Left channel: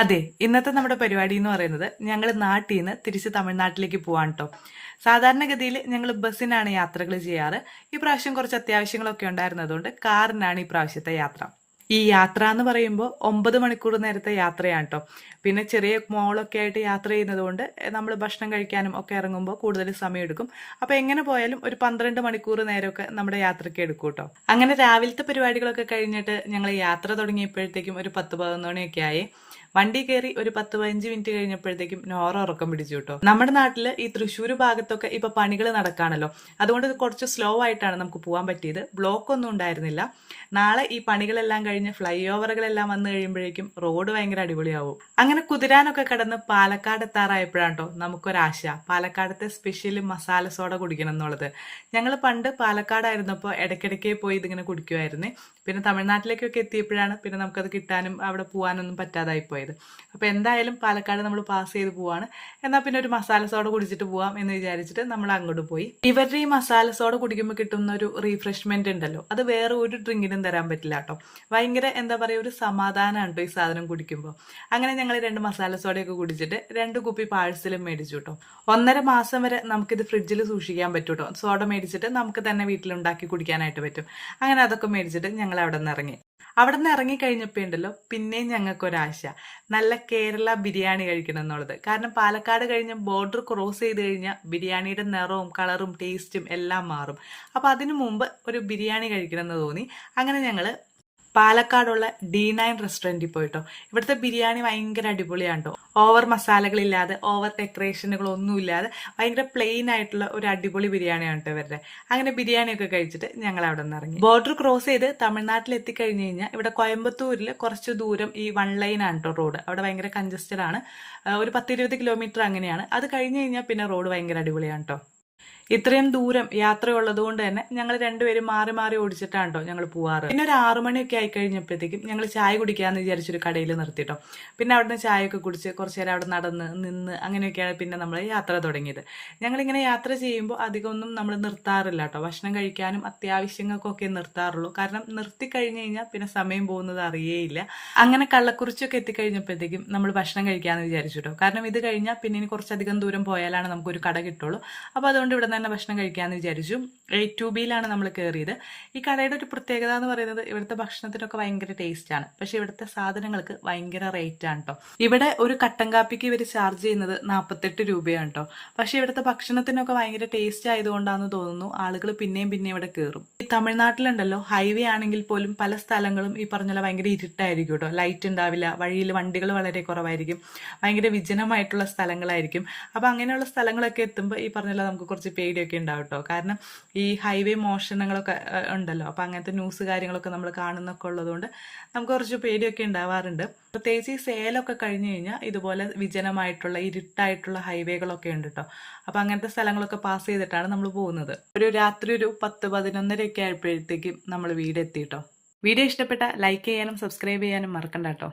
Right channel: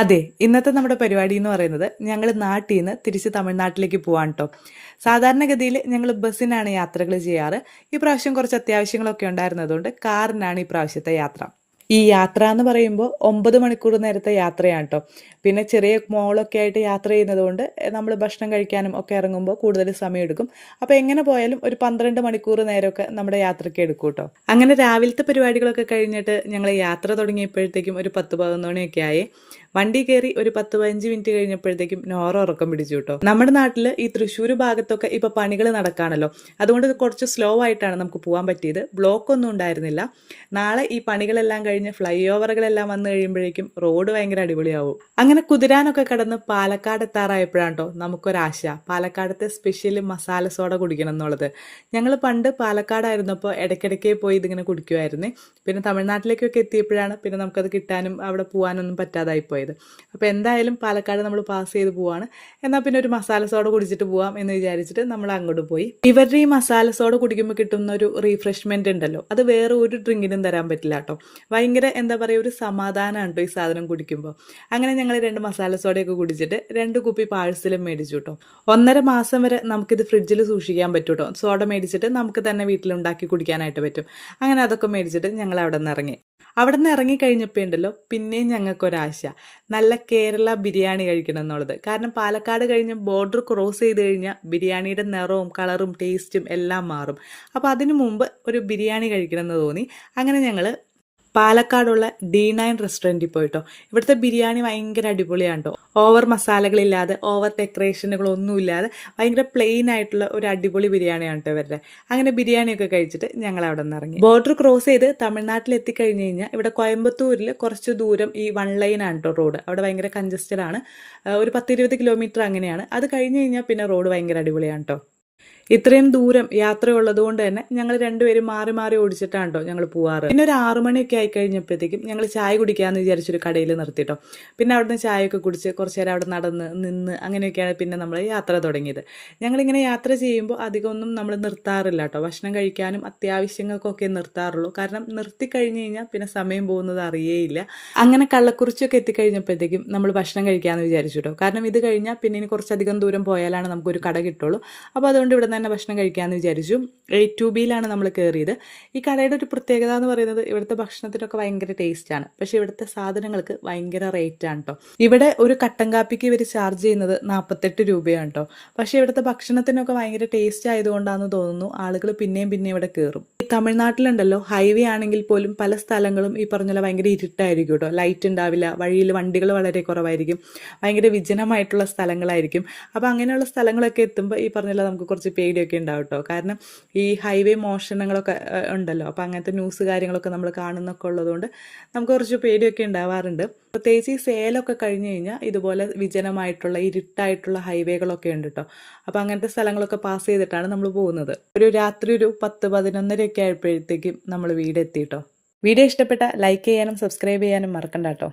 അതെ, ഇന്നത്തെ നമ്മുടെ പരിപാടി എന്ന് പറയുന്നത് ഞങ്ങൾ നാട്ടിൽ നിന്ന് തിരിച്ച് തമിഴ്നാട്ടിലേക്ക് പോവാണ് കേട്ടോ. സാധാരണഗതിയിൽ ഞങ്ങൾ ബസ്സിനാണ് യാത്രകൾ ചെയ്യാറ്. ഈ പ്രാവശ്യം കുറച്ച് അത്യാവശ്യങ്ങളൊക്കെ ഉണ്ടായിരുന്നതുകൊണ്ട് കാറിനാണ് ഈ പ്രാവശ്യത്തെ യാത്ര. ഈ യാത്ര എന്ന് പറയുമ്പോൾ 9 മണിക്കൂർ നേരത്തെ യാത്രയാണ് കേട്ടോ. പിന്നെ ചെറിയ മോളൊക്കെ ആയിട്ട് യാത്ര ചെയ്യുന്നത് കൊണ്ട് നമ്മൾ ഭക്ഷണം കഴിക്കാനും ഒക്കെ ഇറങ്ങുമ്പോൾ കൂടുതൽ സമയം എടുക്കും. അപ്പോൾ എങ്ങനെ പോയാലും ഒരു 12 മണിക്കൂർ നേരമൊക്കെ നമ്മുടെ യാത്രയ്ക്ക് എടുക്കും കേട്ടോ. അങ്ങനെ രാവിലത്തെ പരിപാടികളൊക്കെ കഴിഞ്ഞിട്ട് ഞങ്ങൾ യാത്ര തുടങ്ങിയപ്പോഴത്തേക്കും ഒരു 10-11 മണിയൊക്കെ ആയി. വണ്ടി കയറി ഒരു 10-15 മിനിറ്റ് കഴിഞ്ഞപ്പോഴത്തേക്കും നോറ ഉറക്കം പിടിച്ചു കേട്ടോ. നമ്മുടെ നാട്ടിൽ ഈ തൃശ്ശൂർ ഭാഗത്തൊക്കെ ഇപ്പൊ പണികൾ നടക്കാണല്ലോ, അതുകൊണ്ട് കുറച്ച് സ്ലോ ആയിട്ടാണ് നമുക്ക് പോകാൻ പറ്റിയത്. ബ്ലോക്ക് ഒന്നും ഉണ്ടായിരുന്നില്ല. നാളെ ഈ പണികളെല്ലാം കഴിഞ്ഞ് ഫ്ലൈ ഓവറുകളെല്ലാം വന്നു കഴിയുമ്പോഴേക്കും റോഡ് ഭയങ്കര അടിപൊളിയാവും. അങ്ങനെ കുതിരാനൊക്കെ കടന്ന് പാലക്കാട് എത്താറായപ്പോഴാണ് കേട്ടോ നമുക്കൊരാശ, പാലക്കാടത്തെ സ്പെഷ്യൽ മസാല സോഡ കുടിക്കണം എന്നുള്ളത്. ഞങ്ങൾ പണ്ട് പാലക്കാടായിരുന്നപ്പോൾ ഇടയ്ക്കിടയ്ക്ക് പോയി ഇതിങ്ങനെ കുടിക്കുമായിരുന്നു. പിന്നെ തമിഴ്നാട്ടിലേക്കൊക്കെ എത്തിയപ്പോഴാണ് പിന്നെ നമുക്കത് കിട്ടാനും അവിടെ പോകാനൊന്നും പറ്റാതായി പോയത്. അപ്പോൾ എന്തായാലും പാലക്കാട് നമ്മൾ പാസ് ചെയ്ത് പോവാണ്. എന്നാൽ പിന്നെ ഒരു മസാല സോഡ കുടിച്ചിട്ട് പോവാം എന്ന് വിചാരിച്ചിട്ട് നമ്മൾ അങ്ങോട്ട് പോയി. ഇവരുടെ ഈ മസാല സോഡ കുടിക്കുമ്പോൾ കിട്ടുന്ന ഒരു റീഫ്രഷ്മെന്റ് ഉണ്ടല്ലോ, അത് വേറെ ഒരു ഡ്രിങ്കിനും തരാൻ പറ്റില്ല കേട്ടോ. ഭയങ്കര എന്താ പറയുക, ഒരു സമാധാനമാണ് കേട്ടോ ഈ സാധനം കുടിക്കുമ്പോൾ. അങ്ങനെ ഞങ്ങൾ 2 മസാല സോഡയൊക്കെ കുടിച്ചിട്ട് 2 കുപ്പി പാഴ്സലും മേടിച്ചു കേട്ടോ. 1.5 മാസം വരെ നമുക്കിത് ഫ്രിഡ്ജിൽ സൂക്ഷിക്കാൻ പറ്റും കേട്ടോ. സോഡ മേടിച്ചിട്ട് നമുക്ക് തന്നെ വീട്ടിലുണ്ടാക്കി കുടിക്കാനായിട്ട് പറ്റും. അങ്ങനെ അതൊക്കെ മേടിച്ചിട്ട് ഞങ്ങൾ അവിടെ നിന്ന് ഇറങ്ങി. അവിടെ നിന്ന് ഇറങ്ങിക്കഴിഞ്ഞപ്പോൾ ഉണ്ടല്ലോ പിന്നെയും ഞങ്ങൾക്കൊരാശ, നല്ല കേരള ബിരിയാണി കഴിക്കണം എന്നുള്ളത്. കാരണം പാലക്കാട് കഴിഞ്ഞ് ബോർഡർ ക്രോസ് ചെയ്ത് കഴിഞ്ഞാൽ ബിരിയാണിയുടെ നിറവും കളറും ടേസ്റ്റും എല്ലാം മാറും. അപ്പോൾ അതിനു മുമ്പ് ഒരു ബിരിയാണി കഴിക്കണം എന്ന് തോന്നി. അങ്ങനെ ഞങ്ങൾ പാലക്കാടുള്ള D9 റെസ്റ്റോറൻറ്റിൽ പോയിട്ടോ. ഇവിടുത്തെ ബിരിയാണി ഭയങ്കര അടിപൊളിയാണ് കേട്ടോ. ഓവർ മസാലകളില്ലാതെ ഓവർ ഡെക്കറേഷനുകളൊന്നുമില്ലാതെ ഭയങ്കര പ്ലെയിൻ ആയിട്ടുള്ള ഒരു അടിപൊളി ബിരിയാണിയാണ് കേട്ടോ ഇവരുടെ. അങ്ങനെ ബിരിയാണിയൊക്കെ കഴിച്ചിട്ട് ഞങ്ങൾ അവിടെ നിന്ന് ഇറങ്ങി. ബോർഡർ ക്രോസ് ചെയ്ത് തമിഴ്നാട്ടിൽ എത്തിക്കഴിഞ്ഞ് കഴിഞ്ഞാൽ ഇവിടെ കോയമ്പത്തൂരിൽ കുറച്ച് ദൂരം ഈ 1 ലൈനാണ് കേട്ടോ റോഡ്. അവിടെ ഭയങ്കര കൺജസ്റ്റഡ് ആണ്. ഒരു 10-20 കിലോമീറ്റർ അങ്ങനെയാണ്. അത് കഴിഞ്ഞ് കഴിഞ്ഞാൽ പിന്നെ റോഡ് ഭയങ്കര അടിപൊളിയാണ് കേട്ടോ. ഇത്രയും ദൂരം യാത്രയുള്ളത് കൊണ്ട് തന്നെ ഞങ്ങൾ രണ്ടുപേരും മാറി മാറി ഓടിച്ചിട്ടാണ് കേട്ടോ ഞങ്ങൾ പോവാറ്. പിന്നെ ഒരു 6 മണിയൊക്കെ ആയി കഴിഞ്ഞപ്പോഴത്തേക്കും ഞങ്ങൾ ചായ കുടിക്കാമെന്ന് വിചാരിച്ചൊരു കടയിൽ നിർത്തിട്ടോ. പിന്നെ അവിടുന്ന് ചായയൊക്കെ കുടിച്ച് കുറച്ച് നേരം അവിടെ നടന്ന് നിന്ന് അങ്ങനെയൊക്കെയാണ് പിന്നെ നമ്മൾ യാത്ര തുടങ്ങിയത്. ഞങ്ങളിങ്ങനെ യാത്ര ചെയ്യുമ്പോൾ അധികമൊന്നും നമ്മൾ നിർത്താറില്ല കേട്ടോ. ഭക്ഷണം കഴിക്കാനും അത്യാവശ്യങ്ങൾക്കൊക്കെ നിർത്താറുള്ളൂ. കാരണം നിർത്തി കഴിഞ്ഞ് കഴിഞ്ഞാൽ പിന്നെ സമയം പോകുന്നത് അറിയേയില്ല. അങ്ങനെ കള്ളക്കുറിച്ചൊക്കെ എത്തിക്കഴിഞ്ഞപ്പോഴത്തേക്കും നമ്മൾ ഭക്ഷണം കഴിക്കാമെന്ന് വിചാരിച്ചു കേട്ടോ. കാരണം ഇത് കഴിഞ്ഞാൽ പിന്നെ ഇനി കുറച്ചധികം ദൂരം പോയാലാണ് നമുക്കൊരു കട കിട്ടുള്ളൂ. അപ്പോൾ അതുകൊണ്ട് ഇവിടെ തന്നെ ഭക്ഷണം കഴിക്കാമെന്ന് വിചാരിച്ചു. 8-2Bയിലാണ് നമ്മൾ കയറിയത്. ഈ കടയുടെ ഒരു പ്രത്യേകത എന്ന് പറയുന്നത് ഇവിടുത്തെ ഭക്ഷണത്തിനൊക്കെ ഭയങ്കര ടേസ്റ്റാണ്. പക്ഷേ ഇവിടുത്തെ സാധനങ്ങൾക്ക് ഭയങ്കര റേറ്റാണ് കേട്ടോ. ഇവിടെ ഒരു കട്ടൻ കാപ്പിക്ക് ഇവർ ചാർജ് ചെയ്യുന്നത് 48 രൂപയാണ് കേട്ടോ. പക്ഷേ ഇവിടുത്തെ ഭക്ഷണത്തിനൊക്കെ ഭയങ്കര ടേസ്റ്റ് ആയതുകൊണ്ടാണെന്ന് തോന്നുന്നു ആളുകൾ പിന്നെയും പിന്നെയും ഇവിടെ കയറും. ഈ തമിഴ്നാട്ടിലുണ്ടല്ലോ ഹൈവേ ആണെങ്കിൽ പോലും പല സ്ഥലങ്ങളും ഈ പറഞ്ഞ ഭയങ്കര ഇരുട്ടായിരിക്കും കേട്ടോ. ലൈറ്റ് ഉണ്ടാവില്ല, വഴിയിൽ വണ്ടികൾ വളരെ കുറവായിരിക്കും, ഭയങ്കര വിജനമായിട്ടുള്ള സ്ഥലങ്ങളായിരിക്കും. അപ്പോൾ അങ്ങനെയുള്ള സ്ഥലങ്ങളൊക്കെ എത്തുമ്പോൾ ഈ പറഞ്ഞ നമുക്ക് കുറച്ച് പേടിയൊക്കെ ഉണ്ടാവും കേട്ടോ. കാരണം ഈ ഹൈവേ മോഷണങ്ങളൊക്കെ ഉണ്ടല്ലോ, അപ്പോൾ അങ്ങനത്തെ ന്യൂസ് കാര്യങ്ങളൊക്കെ നമ്മൾ കാണുന്നൊക്കെ ഉള്ളതുകൊണ്ട് നമുക്ക് കുറച്ച് പേടിയൊക്കെ ഉണ്ടാവാറുണ്ട്. പ്രത്യേകിച്ച് ഈ സേലമൊക്കെ കഴിഞ്ഞ് കഴിഞ്ഞാൽ ഇതുപോലെ വിജനമായിട്ടുള്ള ഇരുട്ടായിട്ടുള്ള ഹൈവേകളൊക്കെ ഉണ്ട് കേട്ടോ. അപ്പോൾ അങ്ങനത്തെ സ്ഥലങ്ങളൊക്കെ പാസ് ചെയ്തിട്ടാണ് നമ്മൾ പോകുന്നത്. രാത്രി ഒരു 10-11 ആയപ്പോഴത്തേക്കും നമ്മൾ വീടെത്തി കേട്ടോ. വീഡിയോ ഇഷ്ടപ്പെട്ട ലൈക്ക് ചെയ്യാനും സബ്സ്ക്രൈബ് ചെയ്യാനും മറക്കണ്ട കേട്ടോ.